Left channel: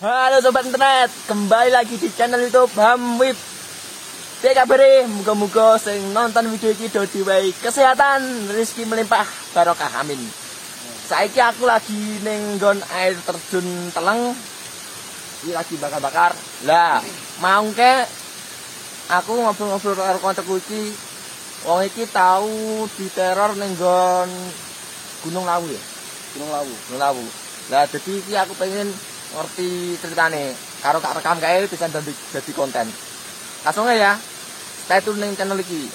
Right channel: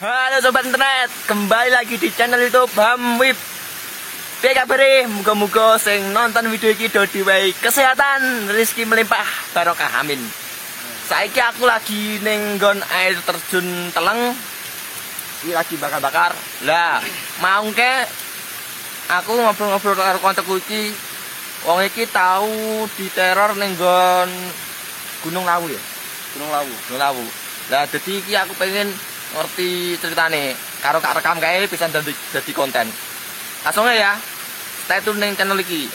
Halo sobat internet, kembali lagi di channel YouTube Hamwib. Piye kabare? Muga-muga sing nonton video iki do diwehi kesehatan, rezeki melimpah, barokah amin. Saiki aku lagi ning nggon air terjun Teleng. Iki lagi bakar-bakar. Lah, maungke aku ngobrol-ngobrol karo koncoku iki. Wong iki tau diteror ning nggon Gunung Lawu ya. Gunung Lawu. Lah dadi iki aku pengen ngerti ceritane karo kak rekam kae bisa jadi konten. Langsung ya, stay tune ning channel iki.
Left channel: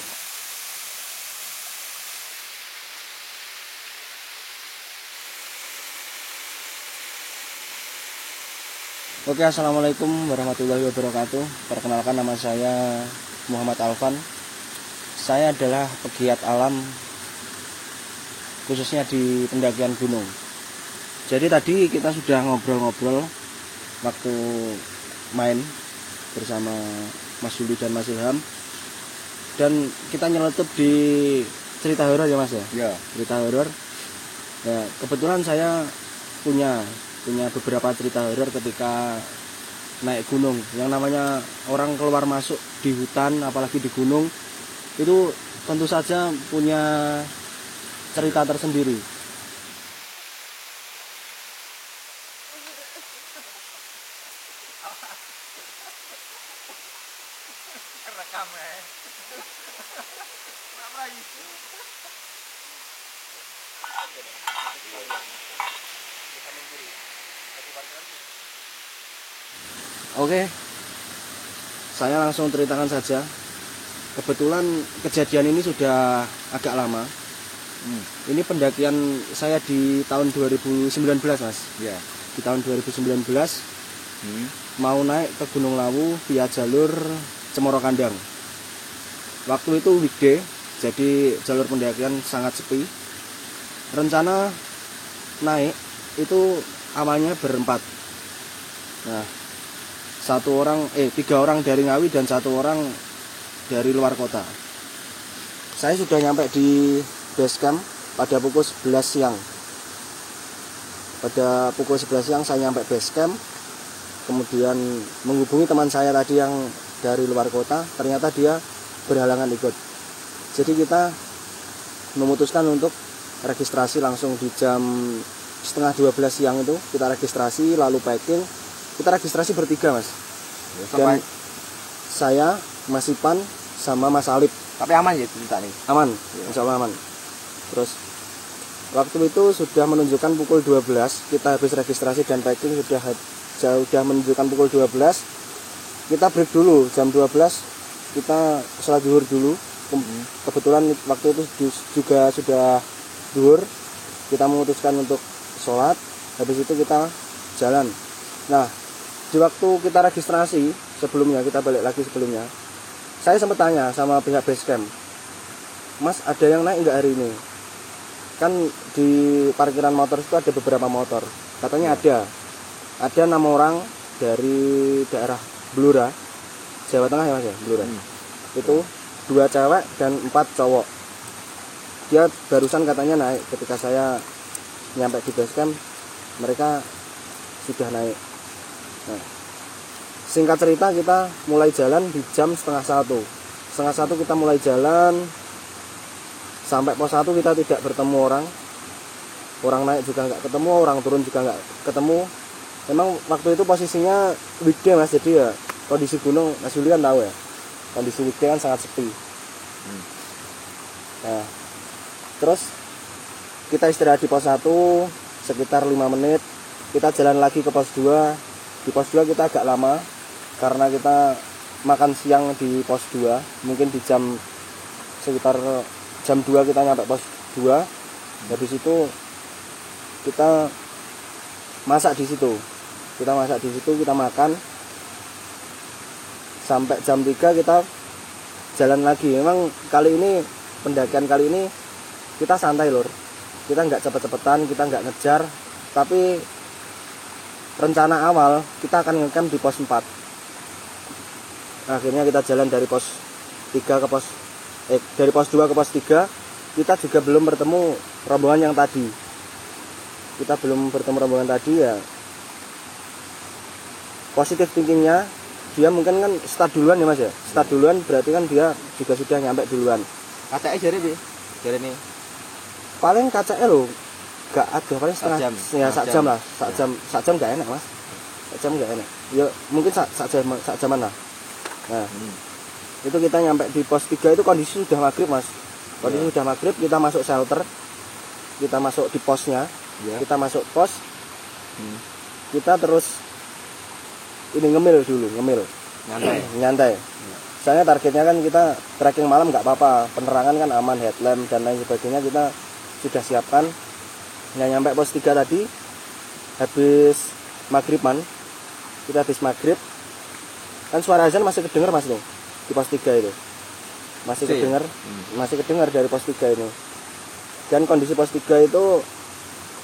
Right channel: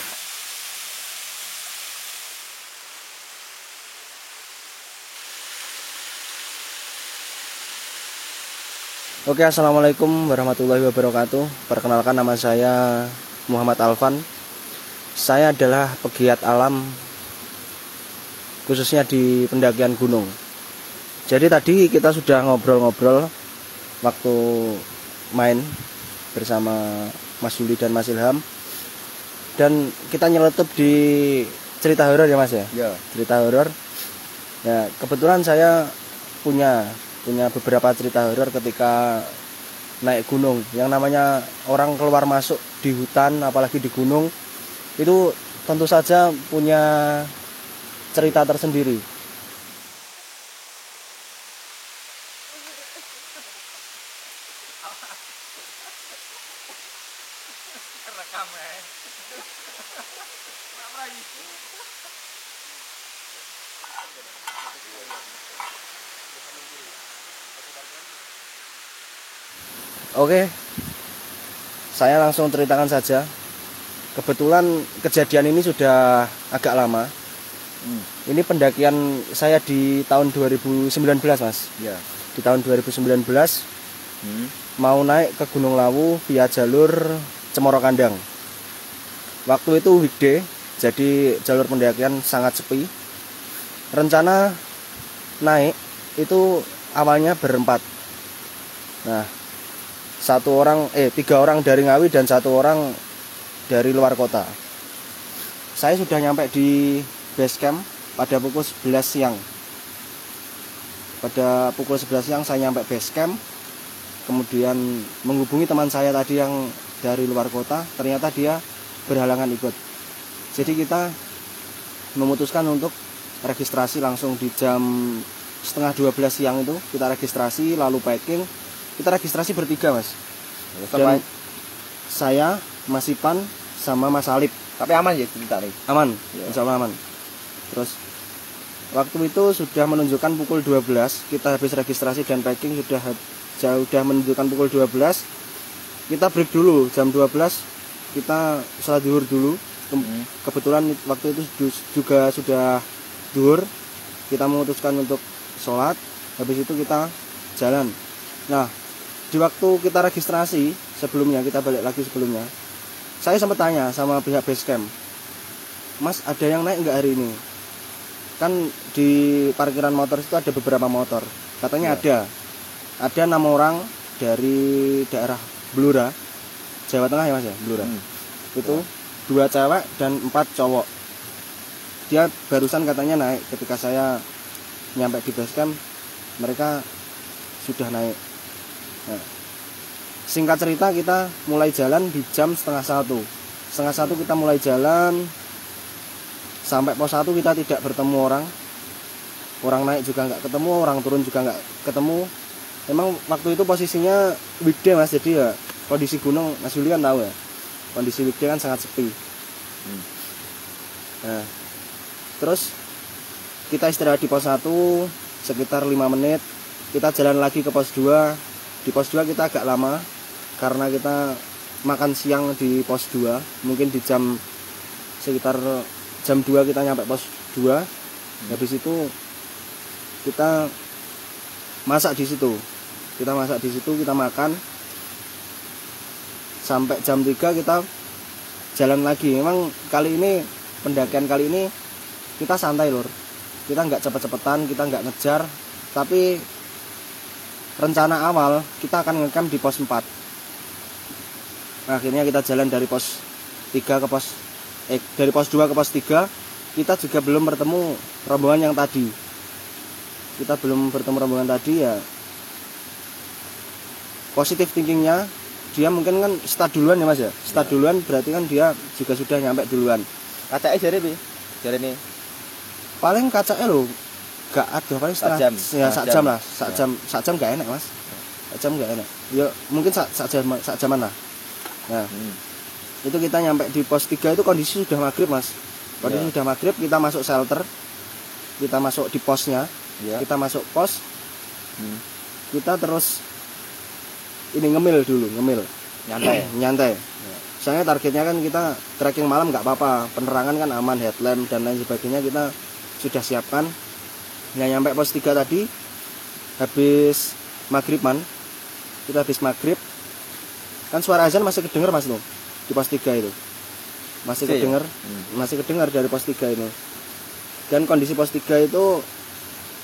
Oke, assalamualaikum warahmatullahi wabarakatuh. Perkenalkan, nama saya Muhammad Alvan. Saya adalah pegiat alam, khususnya di pendakian gunung. Jadi tadi kita sudah ngobrol-ngobrol waktu main bersama Mas Yuli dan Mas Ilham, dan kita nyeletup di cerita horor ya Mas ya? Ya. Cerita horor. Nah, kebetulan saya punya beberapa cerita horor ketika naik gunung. Yang namanya orang keluar masuk di hutan, apalagi di gunung, itu tentu saja punya cerita tersendiri. Oke, saya langsung ceritakan saja. Kebetulan kejadian ini sudah agak lama. Ini pendakian saya di tahun 2019 Mas. Ya. Di tahun 2019 mau naik ke Gunung Lawu via jalur Cemoro Kandang. Waktu itu weekday, jadi jalur pendakian sangat sepi. Rencana naik itu awalnya berempat. Nah, tiga orang dari Ngawi dan satu orang dari luar kota. Saya sudah nyampe di base camp pada pukul 11 siang. Pada pukul 11 siang saya nyampe base camp. Kemudian menghubungi teman saya tadi yang dari luar kota. Ternyata dia berhalangan ikut. Jadi kita memutuskan untuk registrasi langsung di jam setengah 12 siang itu. Kita registrasi lalu packing. Kita registrasi bertiga Mas. Dan saya, Mas Ipan, sama Mas Alip. Tapi aman ya cerita nih? Aman, insya Allah aman. Terus waktu itu sudah menunjukkan pukul 12. Kita habis registrasi dan packing sudah menunjukkan pukul 12. Kita break dulu jam 12. Kita sholat zuhur dulu. Kebetulan waktu itu juga sudah zuhur. Kita memutuskan untuk sholat. Habis itu kita jalan. Nah, di waktu kita registrasi sebelumnya, kita balik lagi sebelumnya, saya sempat tanya sama pihak base camp, Mas, ada yang naik nggak hari ini? Kan di parkiran motor itu ada beberapa motor. Katanya ada 6 orang dari daerah Blora, Jawa Tengah ya Mas ya, Blora. Itu 2 cewek dan 4 cowok. Dia barusan katanya naik. Ketika saya nyampe di base camp, mereka sudah naik. Nah, singkat cerita kita mulai jalan di jam setengah 1. Setengah 1 kita mulai jalan. Sampai pos 1 kita tidak bertemu orang. Orang naik juga nggak ketemu, orang turun juga nggak ketemu. Memang waktu itu posisinya weekday Mas, jadi ya kondisi gunung, Mas Yuli kan tahu ya, kondisi weekday kan sangat sepi. Nah, terus kita istirahat di pos 1 sekitar 5 menit. Kita jalan lagi ke pos 2. Di pos 2 kita agak lama karena kita makan siang di pos 2. Mungkin di sekitar jam 2 kita nyampe pos 2. Habis itu kita masak di situ. Kita makan. Sampai jam 3 kita jalan lagi. Memang pendakian kali ini kita santai lur. Kita nggak cepet-cepetan, kita nggak ngejar, tapi rencana awal kita akan ngecamp di pos 4. Akhirnya kita jalan dari pos 3 ke dari pos 2 ke pos 3. Kita juga belum bertemu rombongan yang tadi. Ya positif thinkingnya dia mungkin kan start duluan ya Mas ya. Start duluan berarti kan dia juga sudah nyampe duluan. Kacake jare piye? Jarene Paling kacake lho gak ada paling setengah jam. ya sak jam lah. Sak jam gak enak Mas. Sak jam gak enak. Ya mungkin sak jaman lah. Nah, itu kita nyampe di pos 3 itu kondisi sudah maghrib Mas. Kondisi sudah maghrib, kita masuk shelter. Kita masuk di posnya. Kita masuk pos. Kita terus ini ngemil dulu, nyantai. Soalnya targetnya kan kita trekking malam nggak apa-apa, penerangan kan aman, headlamp dan lain sebagainya kita sudah siapkan. Nah, nyampe pos 3 tadi habis maghriban, kita habis maghrib kan suara azan masih kedengar Mas nih di pos 3 itu masih kedengar dari pos 3 ini. Dan kondisi pos 3 itu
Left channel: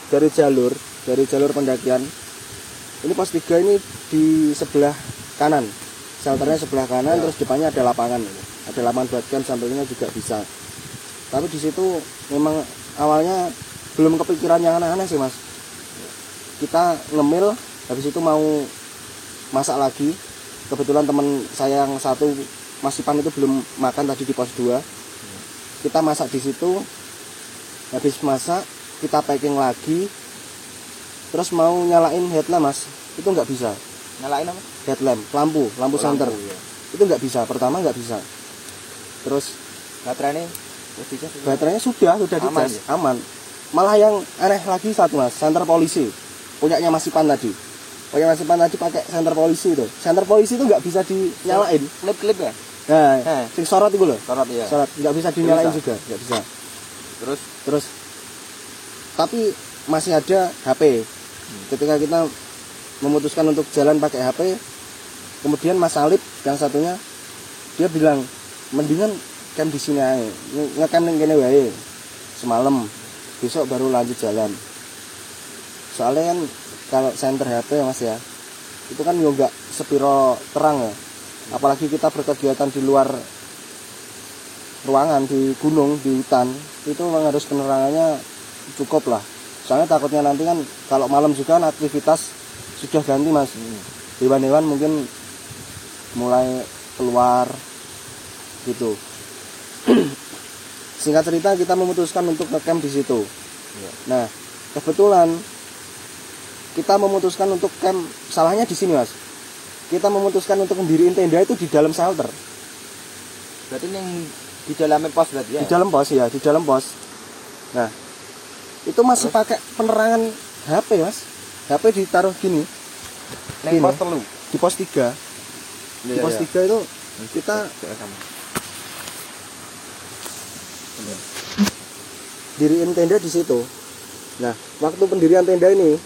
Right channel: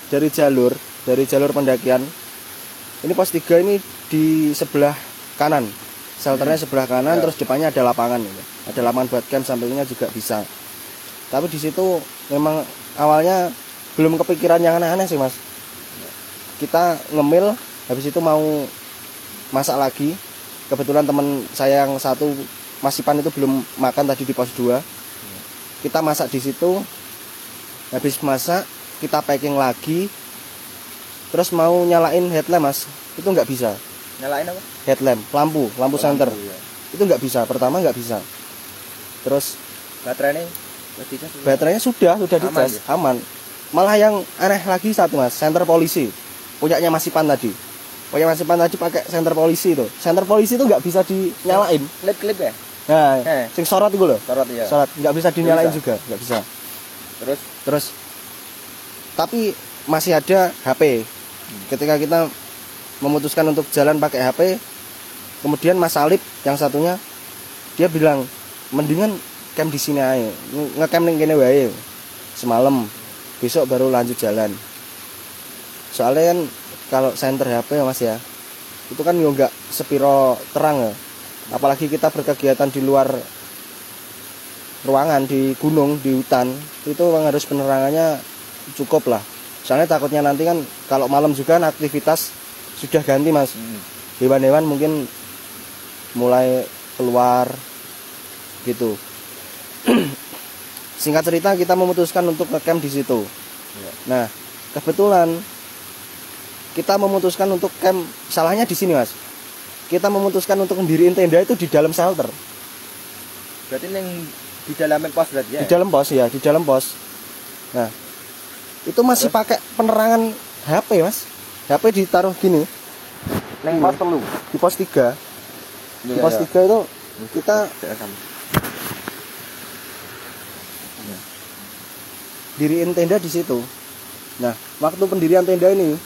dari jalur pendakian ini pos 3 ini di sebelah kanan, shelternya sebelah kanan, terus depannya ada lapangan buat camp, sampingnya juga bisa. Tapi di situ memang awalnya belum kepikiran yang aneh-aneh sih Mas. Kita ngemil, habis itu mau masak lagi. Kebetulan teman saya yang satu Masipan itu belum makan tadi di pos 2. Kita masak di situ. Habis masak kita packing lagi. Terus mau nyalain headlamp Mas, itu nggak bisa. Nyalain apa? Headlamp, lampu center. Ya. Itu nggak bisa, pertama nggak bisa. Terus baterainya sudah dicas, aman. Malah yang aneh lagi satu Mas, senter polisi punyanya Masipan tadi. Pakai senter polisi itu. Senter polisi itu nggak bisa dinyalain. Klip ya? Nah, sing sorot itu loh. Sorot ya. Sorot nggak bisa dinyalain juga, nggak bisa. Terus tapi masih ada HP. Ketika kita memutuskan untuk jalan pakai HP, kemudian Mas Salib yang satunya dia bilang mendingan camp di sini aja, ngecamp ning kene wae semalam, besok baru lanjut jalan. Soalnya kan kalau senter HP ya Mas ya, itu kan nggak sepiro terang ya, apalagi kita berkegiatan di luar ruangan, di gunung, di hutan, itu memang harus penerangannya cukup lah. Soalnya takutnya nanti kan kalau malam juga kan aktivitas sudah ganti Mas. Hewan-hewan mungkin mulai keluar gitu. Singkat cerita kita memutuskan untuk ngecamp di situ. Nah, kebetulan kita memutuskan untuk camp, salahnya di sini Mas. Kita memutuskan untuk mendiriin tenda itu di dalam shelter. Berarti di dalam pos berarti ya? Di dalam pos ya, di dalam pos. Nah, itu masih pakai penerangan HP Mas. HP ditaruh gini. Neng pos 3. Di pos 3. Di pos 3 itu kita diriin tenda di situ. Nah, waktu pendirian tenda ini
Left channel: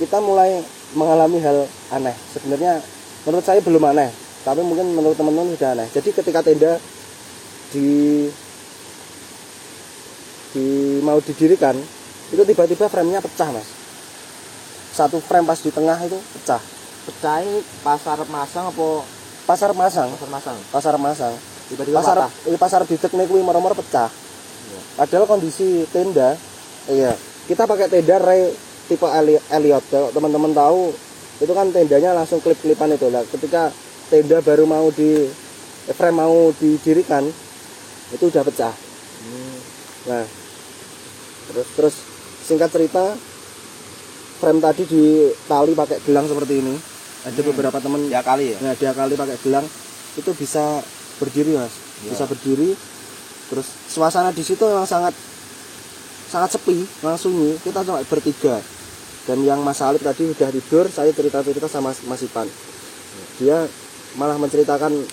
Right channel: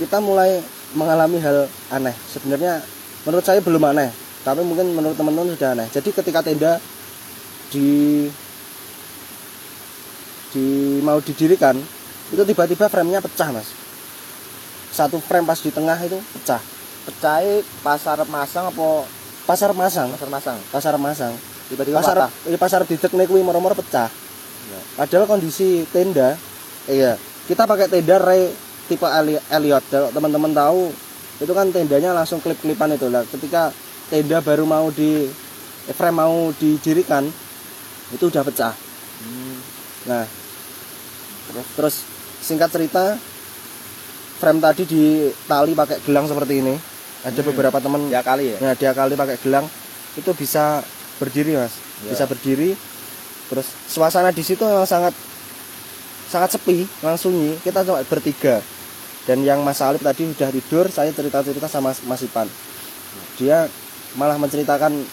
kita mulai mengalami hal aneh. Sebenarnya menurut saya belum aneh, tapi mungkin menurut teman-teman sudah aneh. Jadi ketika tenda mau didirikan, itu tiba-tiba frame-nya pecah Mas. Satu frame pas di tengah itu pecah. Pecah pasar masang apa? Pasar masang. Tiba-tiba pasar didekne kuwi moro-moro pecah. Ya. Padahal kondisi tenda, kita pakai tenda ray tipe Elliot. Kalau teman-teman tahu, itu kan tendanya langsung klip-klipan itu lah. Ketika tenda baru frame mau didirikan, itu udah pecah. Nah, terus singkat cerita, frame tadi ditali pakai gelang seperti ini. Ada beberapa teman diakali ya? Nah, diakali pakai gelang itu bisa berdiri Mas. Ya. Bisa berdiri. Terus suasana di situ memang sangat sepi, langsung sunyi. Kita cuma bertiga. Dan yang Mas Salib tadi udah tidur, saya cerita-cerita sama Mas Ipan. Dia malah menceritakan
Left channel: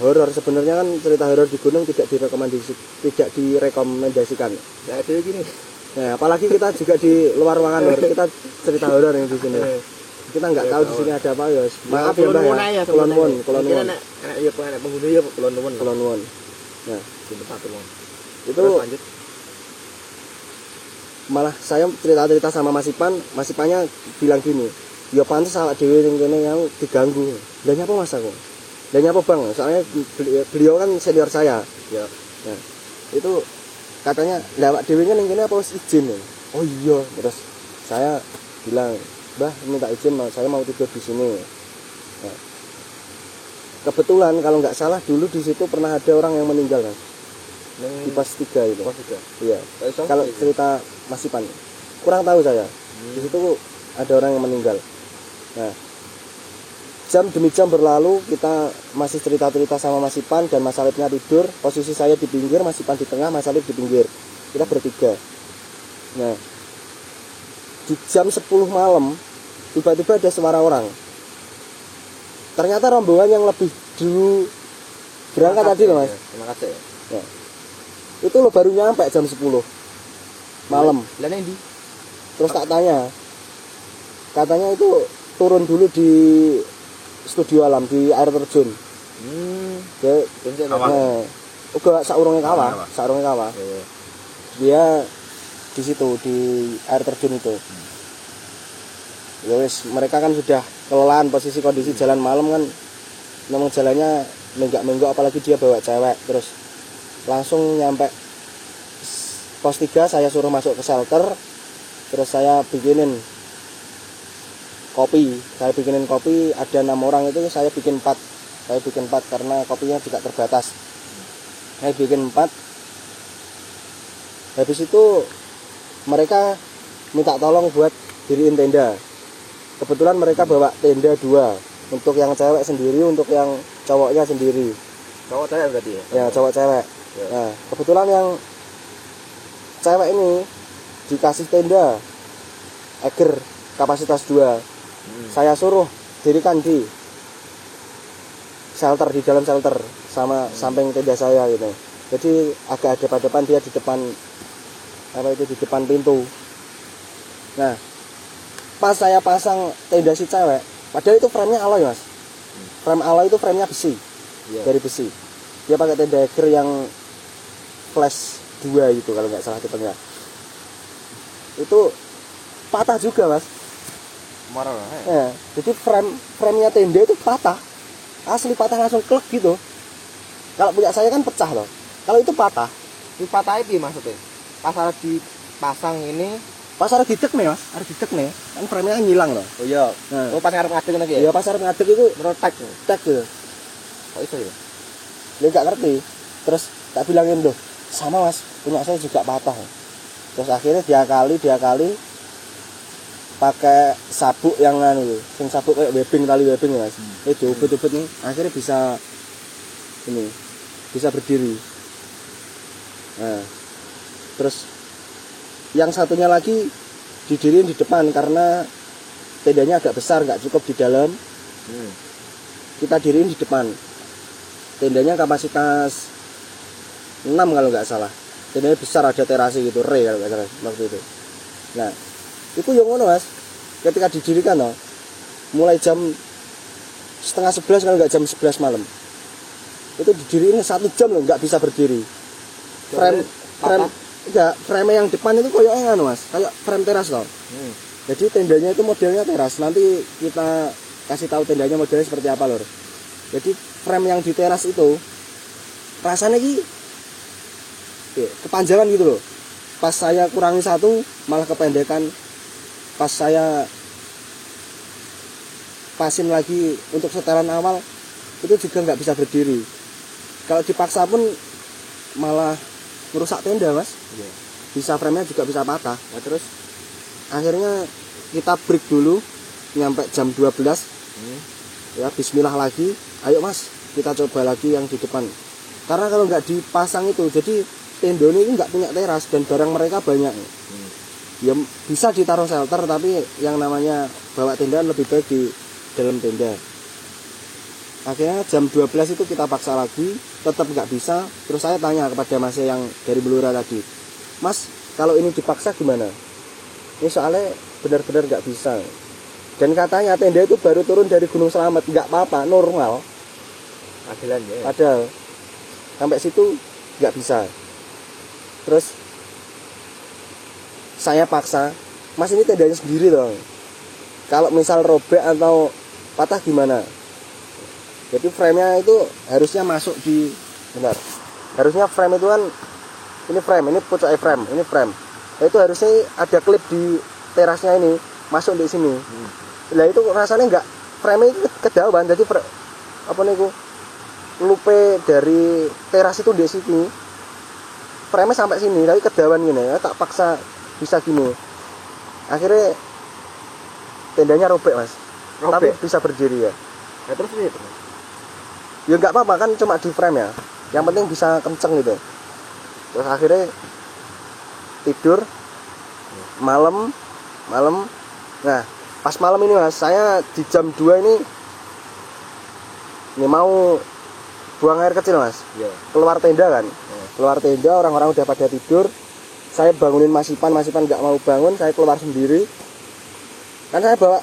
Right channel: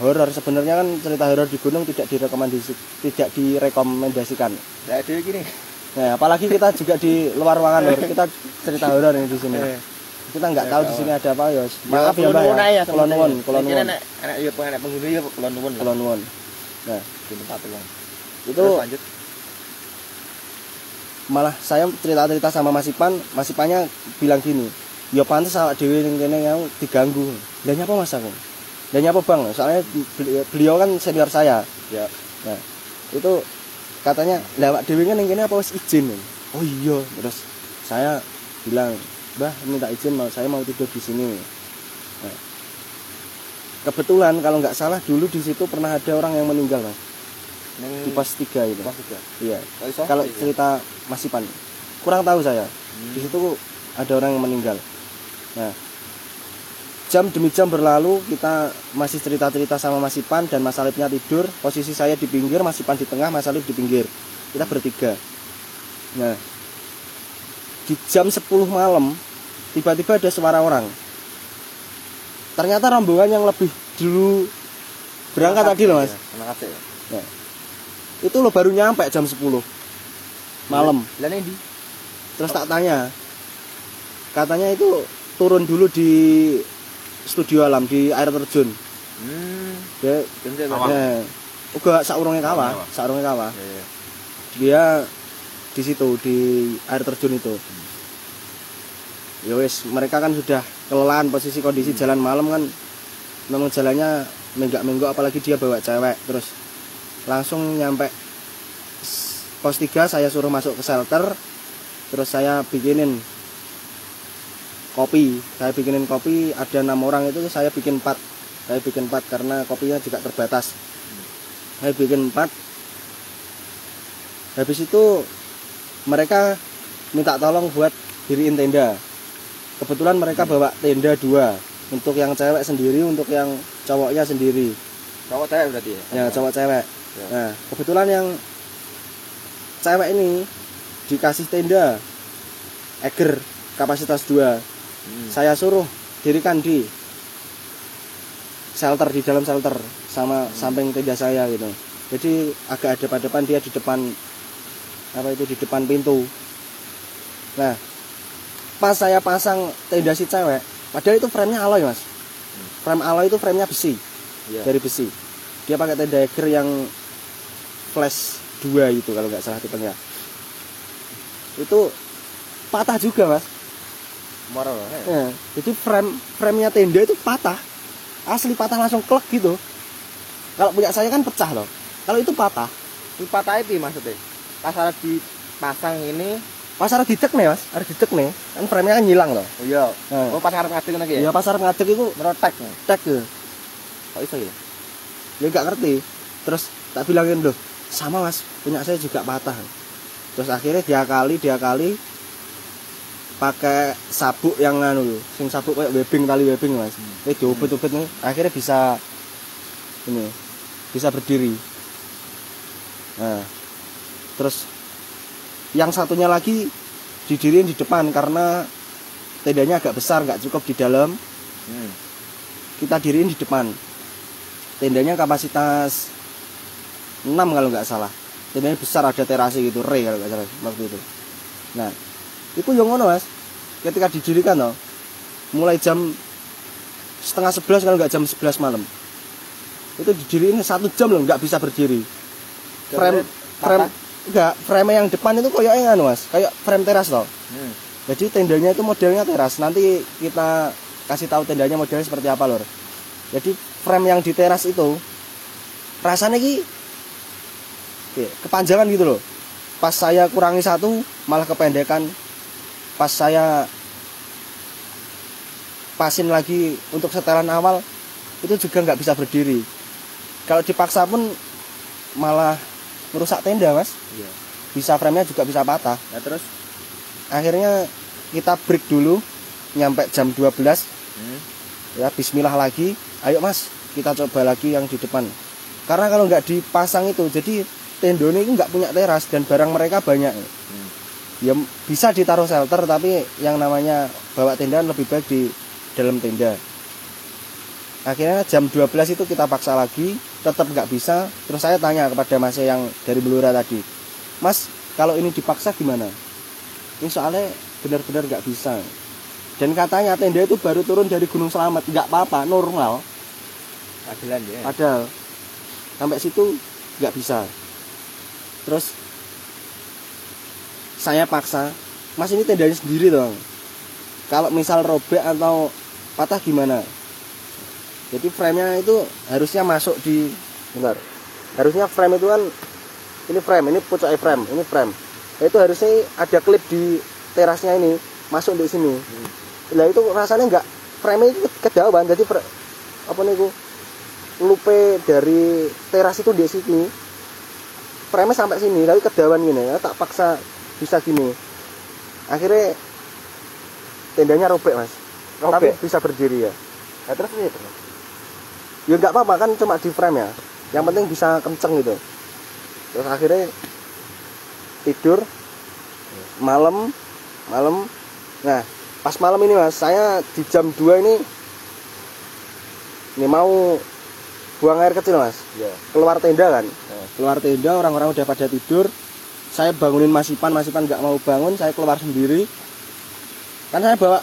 horor. Sebenarnya kan cerita horor di gunung tidak direkomendasikan. Ya ada gini. Nah, apalagi kita juga di luar ruangan, kita cerita horor yang di sini. Kita nggak tahu di sini ada apa ya. Maaf ya Mbak. Kulon nuwun. Enak penghuni ya kulon nuwun. Nah, itu lanjut. Malah saya cerita-cerita sama Mas Ipannya bilang gini, ya pantes awak dhewe ning kene yang diganggu. Lah nyapa Mas aku? Lah nyapa Bang? Soalnya beliau kan senior saya. Ya. Nah, itu katanya, "Lah awak dhewe ning kene apa wis izin?" Oh iya, terus saya bilang, Mbah minta izin saya mau tidur di sini. Nah, kebetulan kalau nggak salah dulu di situ pernah ada orang yang meninggal Mas. Di pos 3 itu. Pos 3. Iya. Kalau cerita Masipan kurang tahu saya. Di situ ada orang yang meninggal. Nah, jam demi jam berlalu kita masih cerita-cerita sama Masipan dan Mas Alipnya tidur. Posisi saya di pinggir, Masipan di tengah, Mas Alip di pinggir. Kita bertiga. Nah, di jam 10 malam tiba-tiba ada suara orang. Ternyata rombongan yang lebih dulu berangkat tadi loh Mas. Ya. Itu lo baru nyampe jam 10 malam. Terus tak tanya, katanya itu turun dulu di studio alam di air terjun. Uga saurunge kawah. Dia di situ di air terjun itu. Ya wes, mereka kan sudah kelelahan posisi kondisi jalan malam kan. Memang jalannya menggak-menggok apalagi dia bawa cewek. Terus langsung nyampe pos 3 saya suruh masuk ke shelter. Terus saya bikinin kopi. Ada 6 orang itu saya bikin 4. Karena kopinya juga terbatas. Saya bikin 4. Habis itu mereka minta tolong buat diriin tenda. Kebetulan mereka bawa tenda 2. Untuk yang cewek sendiri, untuk yang cowoknya sendiri. Cowok cewek berarti ya? Ya, cowok cewek. Ya. Nah, kebetulan yang cewek ini dikasih tenda Eger kapasitas 2. Saya suruh dirikan di shelter, di dalam shelter sama samping tenda saya gitu. Jadi agak hadap-hadapan, dia di depan di depan pintu. Nah, pas saya pasang tenda si cewek, padahal itu frame-nya alloy Mas. Frame alloy itu frame-nya besi. Dari besi. Dia pakai tenda Eger yang flash 2 itu kalau nggak salah tipenya. Itu patah juga Mas. Ya, jadi frame-nya tenda itu patah. Asli patah langsung klek gitu. Kalau punya saya kan pecah loh. Kalau itu patah. Itu patah itu maksudnya? Pas harus dipasang ini, pas harus didek nih Mas, harus didek nih. Kan frame-nya kan hilang ya. Oh iya. Nah. Oh pas harus ngadek lagi ya? Iya, pas harus ngadek itu meretek. Tek gitu. Kok iso ya? Dia nggak ngerti. Terus tak bilangin loh, sama Mas, punya saya juga patah. Terus akhirnya dia kali pakai sabuk yang anu, sing sabuk kayak tali webbing Mas. Dia diubet-ubet nih, akhirnya bisa berdiri. Nah, terus yang satunya lagi didiriin di depan karena tendanya agak besar, nggak cukup di dalam. Kita diriin di depan. Tendanya kapasitas 6 kalau nggak salah. Tendanya besar, ada terasi gitu, kalau nggak salah waktu itu. Nah, itu yang ngono Mas. Ketika didirikan loh, mulai jam 10:30 kalau nggak jam 11 malam. Itu didiriin 1 jam loh, nggak bisa berdiri. Frame yang depan itu kayak anu Mas, kayak frame teras loh. Jadi tendanya itu modelnya teras. Nanti kita kasih tahu tendanya modelnya seperti apa lor. Jadi frame yang di teras itu rasanya kepanjangan gitu loh. Pas saya kurangi 1 malah kependekan. Pas saya pasin lagi untuk setelan awal itu juga nggak bisa berdiri. Kalau dipaksa pun malah merusak tenda Mas. Iya. Bisa frame-nya juga bisa patah. Nah, terus akhirnya kita break dulu nyampe jam 12. Ya bismillah lagi. Ayo Mas, kita coba lagi yang di depan. Karena kalau nggak dipasang itu, jadi tenda ini nggak punya teras dan barang mereka banyak. Ya bisa ditaruh shelter, tapi yang namanya bawa tenda lebih baik di dalam tenda. Akhirnya jam 12 itu kita paksa lagi, tetap nggak bisa. Terus saya tanya kepada Mas yang dari Belura tadi, Mas, kalau ini dipaksa gimana? Ya soalnya benar-benar nggak bisa. Dan katanya tenda itu baru turun dari Gunung Slamet, nggak apa-apa, normal. Padahal sampai situ nggak bisa. Terus saya paksa, Mas ini tendanya sendiri dong. Kalau misal robek atau patah gimana? Jadi frame-nya itu harusnya masuk di benar. Harusnya frame itu kan ini frame, ini pucuk frame, ini frame. Itu harusnya ada klip di terasnya ini masuk di sini. Lah itu rasanya enggak frame itu kedauan, jadi apa niku lupe dari teras itu di sini. Frame sampai sini, tapi kedauan gini ya, tak paksa bisa gini. Akhirnya tendanya robek Mas. Tapi bisa berdiri ya. Ya terus itu. Ya enggak apa-apa kan cuma di frame ya. Yang penting bisa kenceng gitu. Terus akhirnya tidur malam. Nah, pas malam ini Mas, saya di jam 2 ini mau buang air kecil Mas. Iya. Keluar tenda kan. Keluar tenda, orang-orang udah pada tidur. Saya bangunin Mas Ipan enggak mau bangun, saya keluar sendiri. Kan saya bawa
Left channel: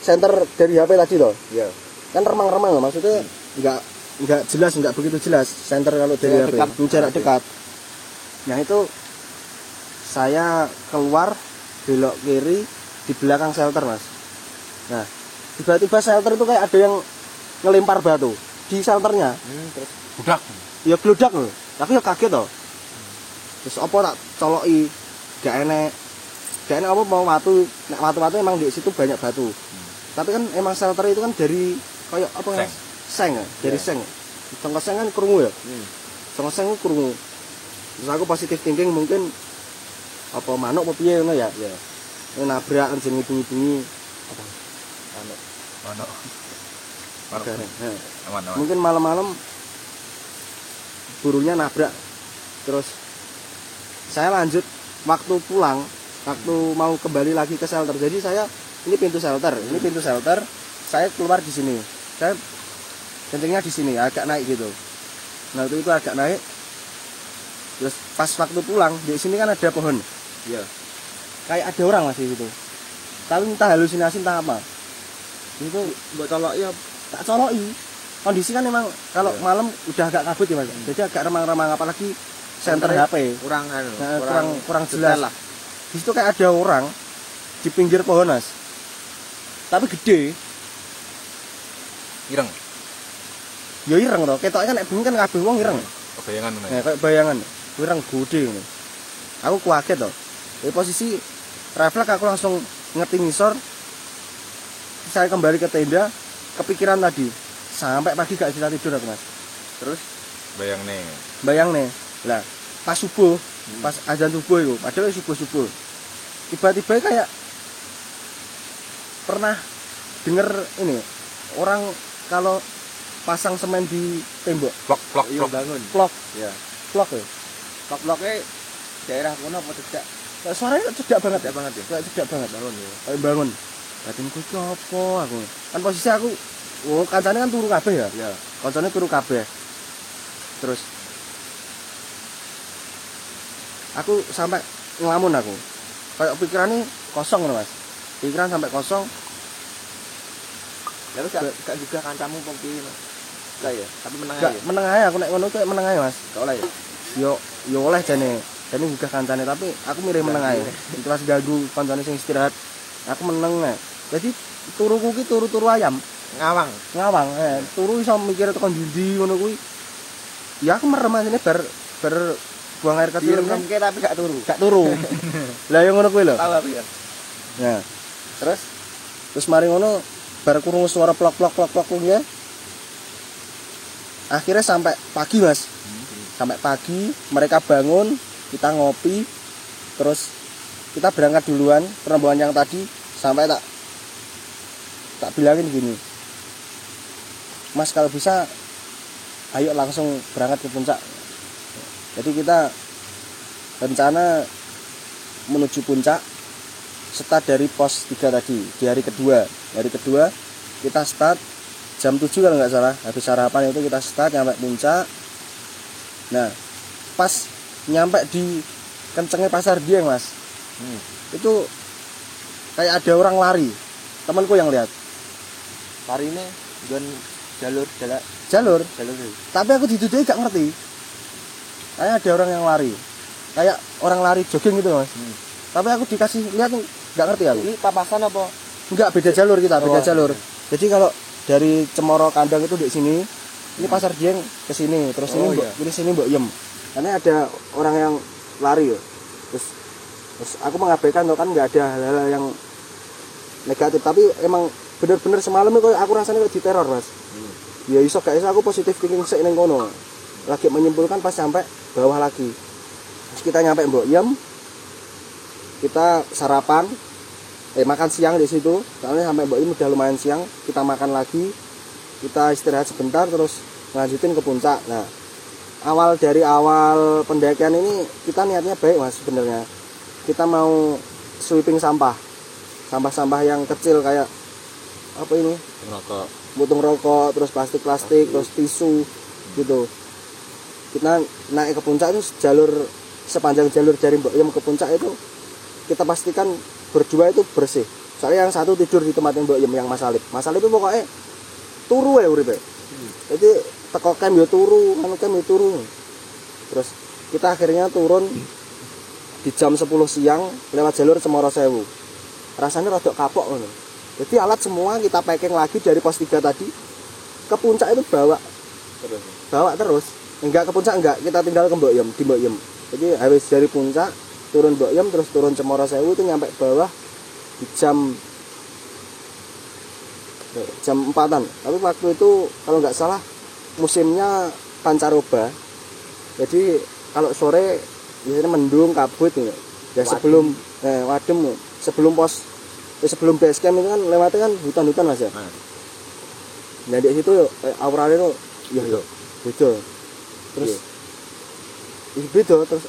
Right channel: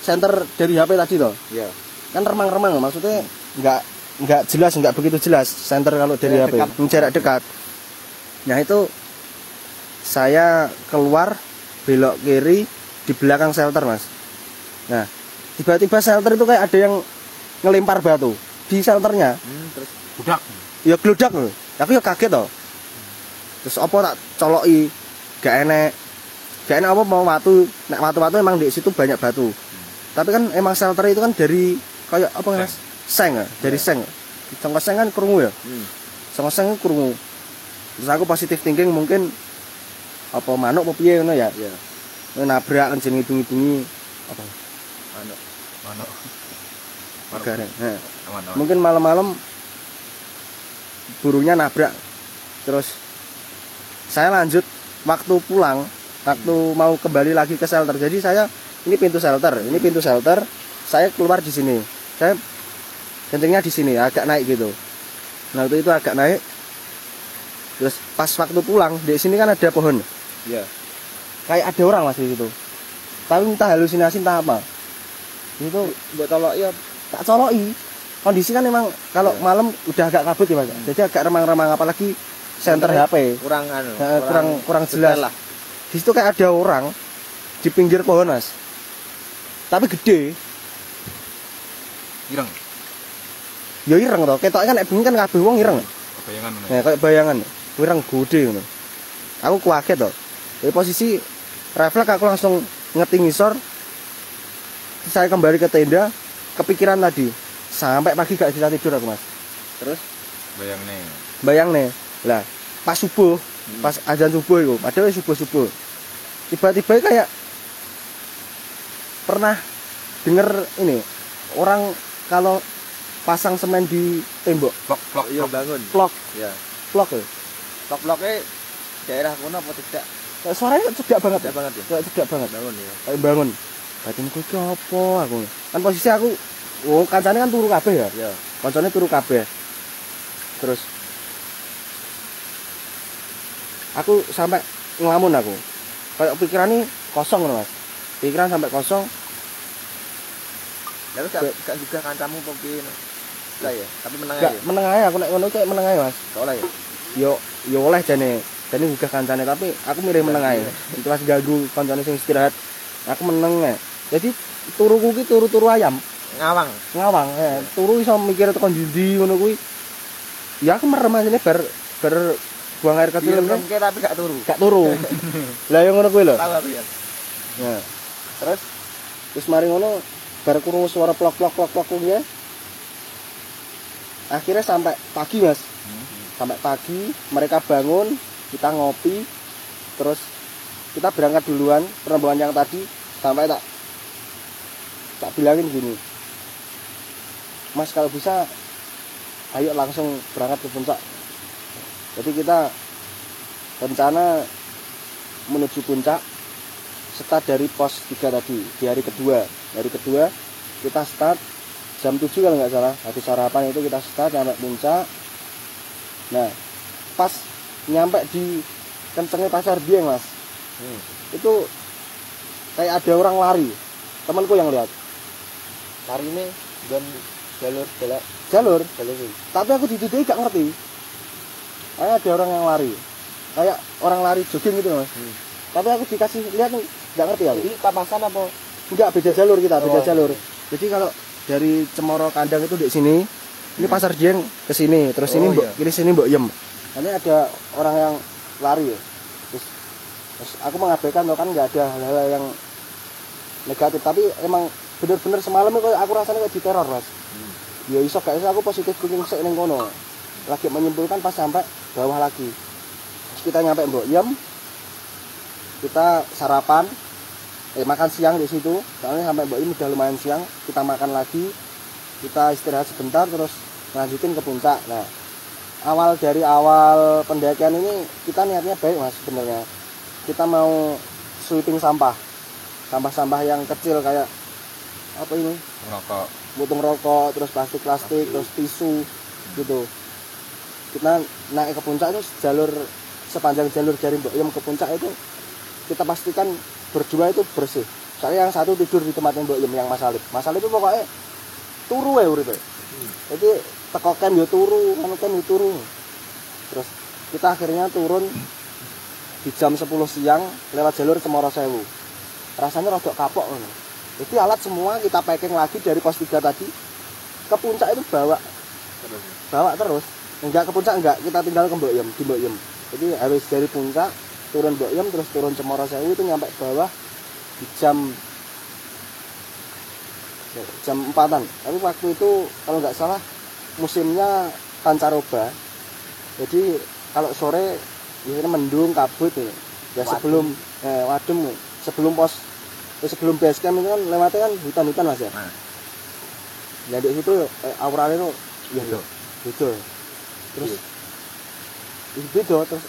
senter dari HP tadi loh. Iya. Kan remang-remang maksudnya enggak jelas, enggak begitu jelas senter kalau dari HP. Jarak dekat. Nah, itu saya keluar belok kiri di belakang shelter Mas. Nah, tiba-tiba shelter itu kayak ada yang ngelempar batu di shelternya. Terus budak. Ya gludak loh. Aku ya kaget toh. Terus apa tak coloki gak enek apa mau watu. Nek watu-watu emang di situ banyak batu. Tapi kan emang shelter itu kan dari kayak apa Mas? Seng ya, dari seng. Cengkok seng kan krungu ya. Cengkok seng krungu. Terus aku positif thinking mungkin apa manuk apa piye ngono ya. Iya. Nabrak kan jeneng ibungi apa? Manuk. Aman. Mungkin malam-malam burungnya nabrak. Terus saya lanjut waktu pulang, waktu mau kembali lagi ke shelter. Jadi ini pintu shelter. Saya keluar di sini. Saya kencingnya di sini, agak naik gitu. Nah, itu agak naik. Terus pas waktu pulang, di sini kan ada pohon. Iya. Kayak ada orang Mas di situ. Tapi entah halusinasi entah apa. Itu Buat colok ya tak coloki. Kondisi kan memang kalau malam udah agak kabut ya Mas. Jadi agak remang-remang apalagi senter HP. Kurang jelas lah. Di situ kayak ada orang di pinggir pohon Mas. Tapi gede. Ireng. Ya ireng toh. Ketoknya kan nek bengi kan kabeh wong ireng. Bayangan. Nah, kayak bayangan. Ireng gede ngono. Aku kaget toh. Dari posisi refleks aku langsung ngeting ngisor. Saya kembali ke tenda, kepikiran tadi. Sampai pagi gak bisa tidur aku Mas. Terus Bayang nih. Lah, pas subuh, pas azan subuh itu, padahal subuh. Tiba-tiba kayak pernah denger ini, orang kalau pasang semen di tembok, blok iya bangun. Blok. Ya. Blok ya. Blok-bloknya daerah kono apa cedak? Suaranya cedak banget ya. Kayak cedak banget bangun ya. Kayak bangun. Batinku ki apa aku. Kan posisi aku kancane kan turu kabeh ya. Iya. Kancane turu kabeh. Terus aku sampai ngelamun aku. Kayak pikirannya kosong loh Mas. Pikiran sampai kosong. Lalu gak juga kancamu apa piye no? Enggak ya, tapi menang aja. Meneng ae aku nek ngono kayak meneng ae Mas. Gak oleh ya. Yo oleh jane. Jane juga kancane tapi aku milih meneng ae. Itu pas ganggu kancane sing istirahat. Aku meneng ae. Jadi turuku ki turu ayam. Ngawang. Turu iso mikir tekan ndi ngono kuwi. Ya aku merem aja bar buang air kecil. Merem tapi gak turu. Lah yang ngono kuwi lho. Tahu aku ya. Nah, terus mari ngono bar krungu suara plok ya. Akhirnya sampai pagi Mas. Sampai pagi mereka bangun, kita ngopi, terus kita berangkat duluan rombongan yang tadi sampai tak bilangin gini. Mas kalau bisa ayo langsung berangkat ke puncak. Jadi kita rencana menuju puncak start dari pos 3 tadi di hari kedua. Hari kedua kita start jam 7 kalau nggak salah. Habis sarapan itu kita start nyampe puncak. Nah, pas nyampe di kencengnya Pasar Dieng Mas. Itu kayak ada orang lari. Temanku yang lihat. Hari ini dan jalur. Tapi aku dituduhi gak ngerti. Kayak ada orang yang lari. Kayak orang lari jogging gitu Mas. Tapi aku dikasih lihat gak ngerti aku. Ini Tapasan apa? Enggak, beda jalur kita, beda jalur. Jadi kalau dari Cemoro Kandang itu di sini, ini Pasar Dieng ke sini, terus ini ini sini Mbok Yem. Karena ada orang yang lari ya. Terus aku mengabaikan kan nggak ada hal-hal yang negatif, tapi emang bener-bener semalam kok aku rasanya kayak diteror Ras. Ya iso gak iso aku positif thinking sik ning kono. Lagi menyimpulkan pas sampai bawah lagi. Terus kita nyampe Mbok Yem. Kita sarapan, makan siang di situ. Soalnya sampai Mbok Yem udah lumayan siang, kita makan lagi. Kita istirahat sebentar terus lanjutin ke puncak. Nah, dari awal pendakian ini kita niatnya baik Mas sebenarnya. Kita mau sweeping sampah yang kecil kayak apa ini? Rokok. Butung rokok, terus plastik, terus tisu gitu. Kita naik ke puncak itu sepanjang jalur dari Mbok Yem ke puncak itu kita pastikan berdua itu bersih. Soalnya yang satu tidur di tempat Mbok Yem yang Mas Alip. Mas Alip itu pokoknya turu ya uripe. Jadi teko camp ya turu, anu camp ya turu. Terus kita akhirnya turun di jam 10 siang lewat jalur Cemoro Sewu. Rasanya rada kapok ngono. Jadi alat semua kita packing lagi dari pos 3 tadi ke puncak itu bawa terus. Enggak ke puncak enggak, kita tinggal ke Mbok Yem, di Mbok Yem. Jadi harus dari puncak turun Mbok Yem terus turun Cemoro Sewu itu nyampe bawah di jam 4-an. Tapi waktu itu kalau nggak salah musimnya pancaroba. Jadi kalau sore biasanya mendung kabut ya. Ya sebelum wadem sebelum base camp itu kan lewatnya kan hutan-hutan Mas ya. Nah di situ auranya itu ya beda. Terus beda terus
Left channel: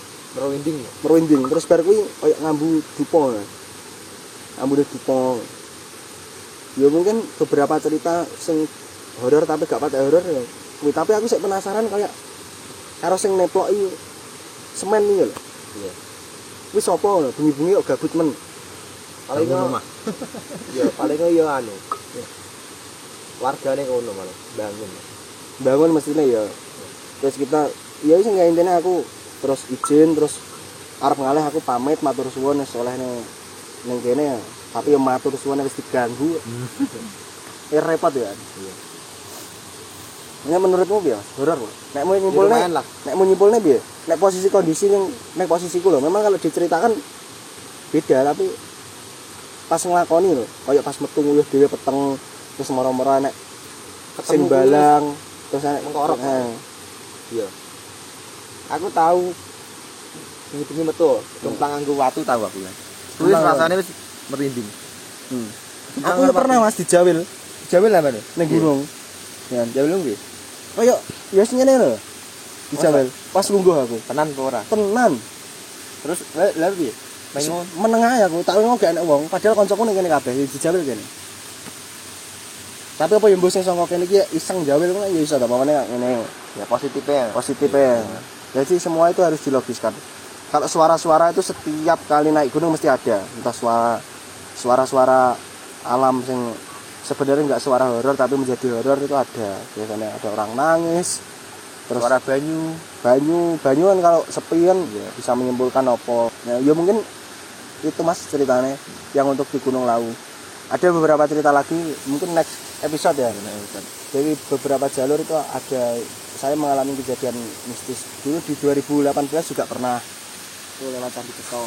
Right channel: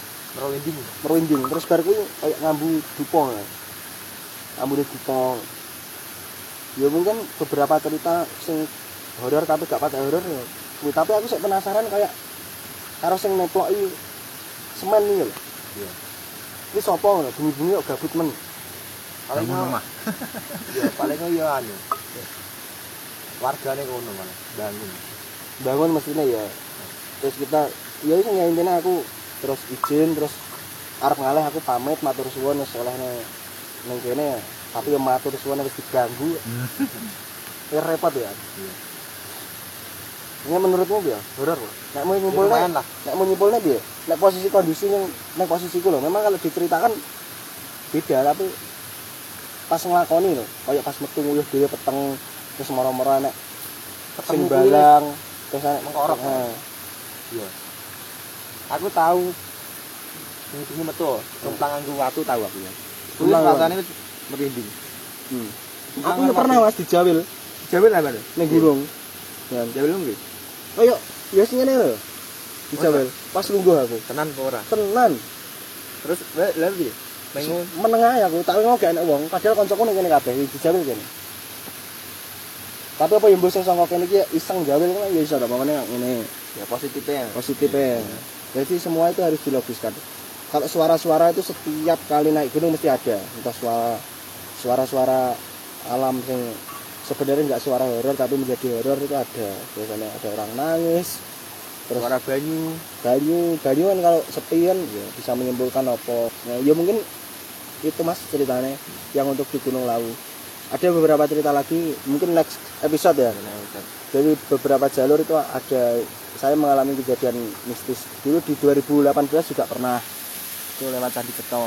merinding terus bar kuwi kayak ngambu dupo. Ngambu dupo. Ya mungkin beberapa cerita sing horor tapi gak pakai horor ya. Tapi aku sih penasaran kayak karo sing neploki semen iki lho. Iya. Wis apa ngono, bengi-bengi kok gabut men. Paling rumah. Ya, paling ya anu. Wargane ngono malah bangun mestinya ya. Terus kita ya sing intine aku terus izin terus arep ngalih aku pamit matur suwun wis olehne ning kene ya. Tapi yang matur suwun wis diganggu. Ya repot ya. Iya. Ini menurutmu piye? Horor. Nek mau nyimpulne piye? Nek posisi kondisi yang nek posisiku lho, memang kalau diceritakan beda tapi pas nglakoni lho, kayak pas metu nguyuh dhewe peteng terus moro-moro nek sing balang terus nek mengkorok. Iya. Aku tahu ini metu tentang anggo watu tahu aku ya. Wis rasane wis merinding. Aku pernah Mas dijawil. Dijawil apa nih? Ning gunung. Ya, jawil nggih. Kayak yo sing ngene lho. Dijawil. Pas lungguh aku. Tenan apa ora? Tenan. Terus lha piye? Menengah ya aku, tak ngono gak enak wong, padahal kancaku ning kene kabeh dijawil kene. Tapi apa yang mbok sing saka kene iki iseng jawil kok ya iso ta pamane ngene. Ya positifnya. Jadi semua itu harus dilogiskan. Kalau suara-suara itu setiap kali naik gunung mesti ada. Entah suara-suara alam sing sebenarnya enggak suara horor tapi menjadi horor itu ada. Biasanya ada orang nangis. Terus suara banyu kan kalau sepi kan ya bisa menyimpulkan apa. Ya mungkin itu Mas ceritanya yang untuk di Gunung Lawu. Ada beberapa cerita lagi mungkin next episode ya. Jadi beberapa jalur itu ada saya mengalami kejadian mistis. Dulu di 2018 juga pernah itu lewat Candi Keto.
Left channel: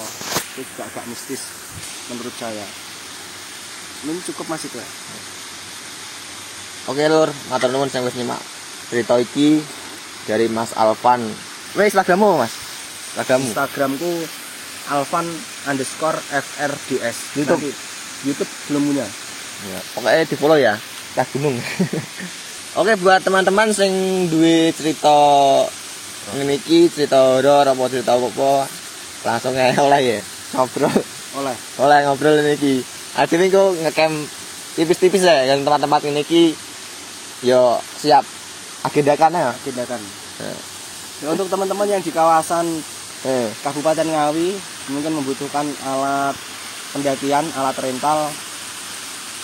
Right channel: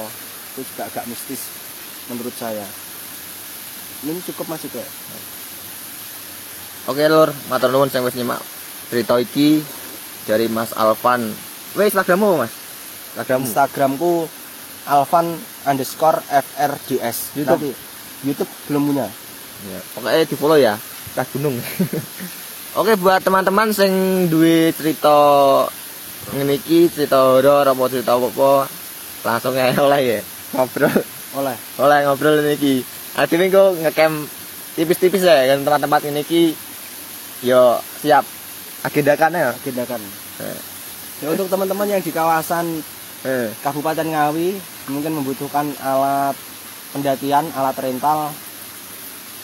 Itu juga agak mistis menurut saya. Ini cukup Mas itu ya. Oke lur, matur nuwun sing wis nyimak cerita iki dari Mas Alvan. Wes Instagrammu Mas? Instagramku Alvan_FRDS. YouTube belum punya. Ya, pokoknya di follow ya. Kah gunung. Oke buat teman-teman sing duwe cerita ngene iki, cerita horor apa cerita apa, langsung ae oleh ya. Ngobrol. Oleh ngobrol ngene iki. Ajeng kok ngecamp tipis-tipis ya kan tempat-tempat ngene iki. Yo siap agendakan ya. Ya untuk teman-teman yang di kawasan Kabupaten Ngawi mungkin membutuhkan alat pendakian, alat rental.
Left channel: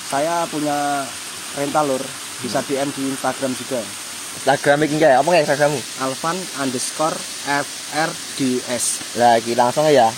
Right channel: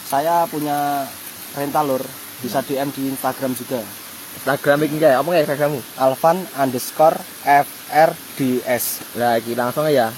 Saya punya rental lur, bisa DM di Instagram juga. Instagram iki ya, apa Instagrammu? Alvan_FRDS. Lah iki langsung ya.